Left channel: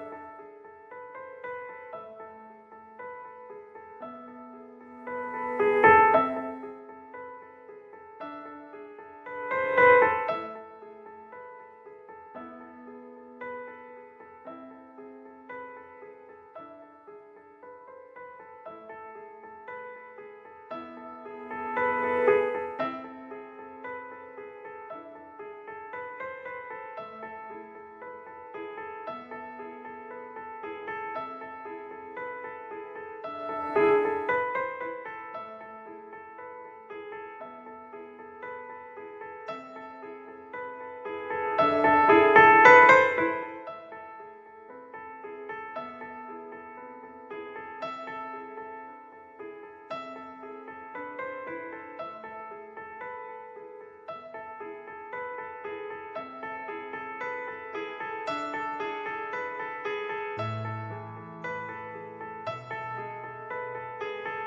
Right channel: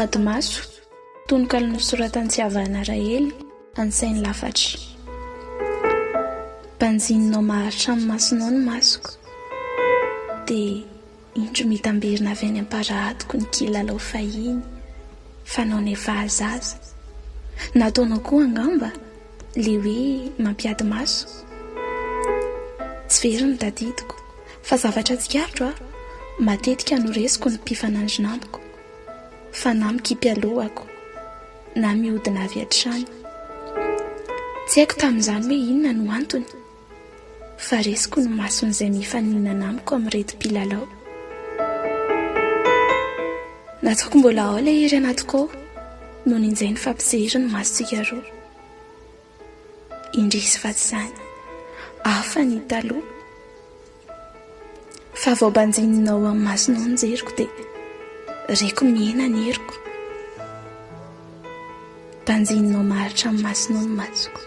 Adimaso tononkalo nosoratantsiavana Rahely ansainy lafatry. Mpanjininao maharitra amin'ny masonao ny masoko, dia indro mitamberina avy any am-paradoko ny kilalao fahiny fanao ny efa azaza. Nataonao koa angamba le hoe mampiady maso. Tsy very ny tadidiko, fa zavatra tsikarotro matetika noresiko ny mpifanandrina amiko, fa na mikipy-alohako na mihodina avy hatrany. Tsy haiko tamin'izany hoe inona no antony, fa resiko ny mason'izay mifaninana amiko amin'irety mpilalao. Nataoko mbola ao ilay iry anatiko ao, noho nin'izay ny fampisehory ny masontsika roa. Indrisy fa tsy izany, hafa ny taloha. Fa vao mbanjininao amin'ny masonao ny jeriko dia reko mihena ny heriko. Mbanjininao maharitra amin'ny masonao ny masoko,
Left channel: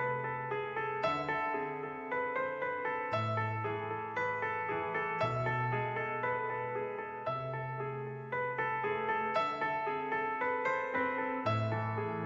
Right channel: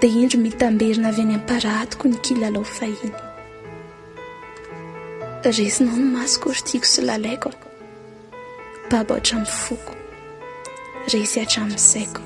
dia indro mitamberina avy any am-paradoko ny kilalao fahiny. Resinao ny masoko ry tiako sy lalaiko, babo hatramin'ny foko, resy hatramin'ny saiko.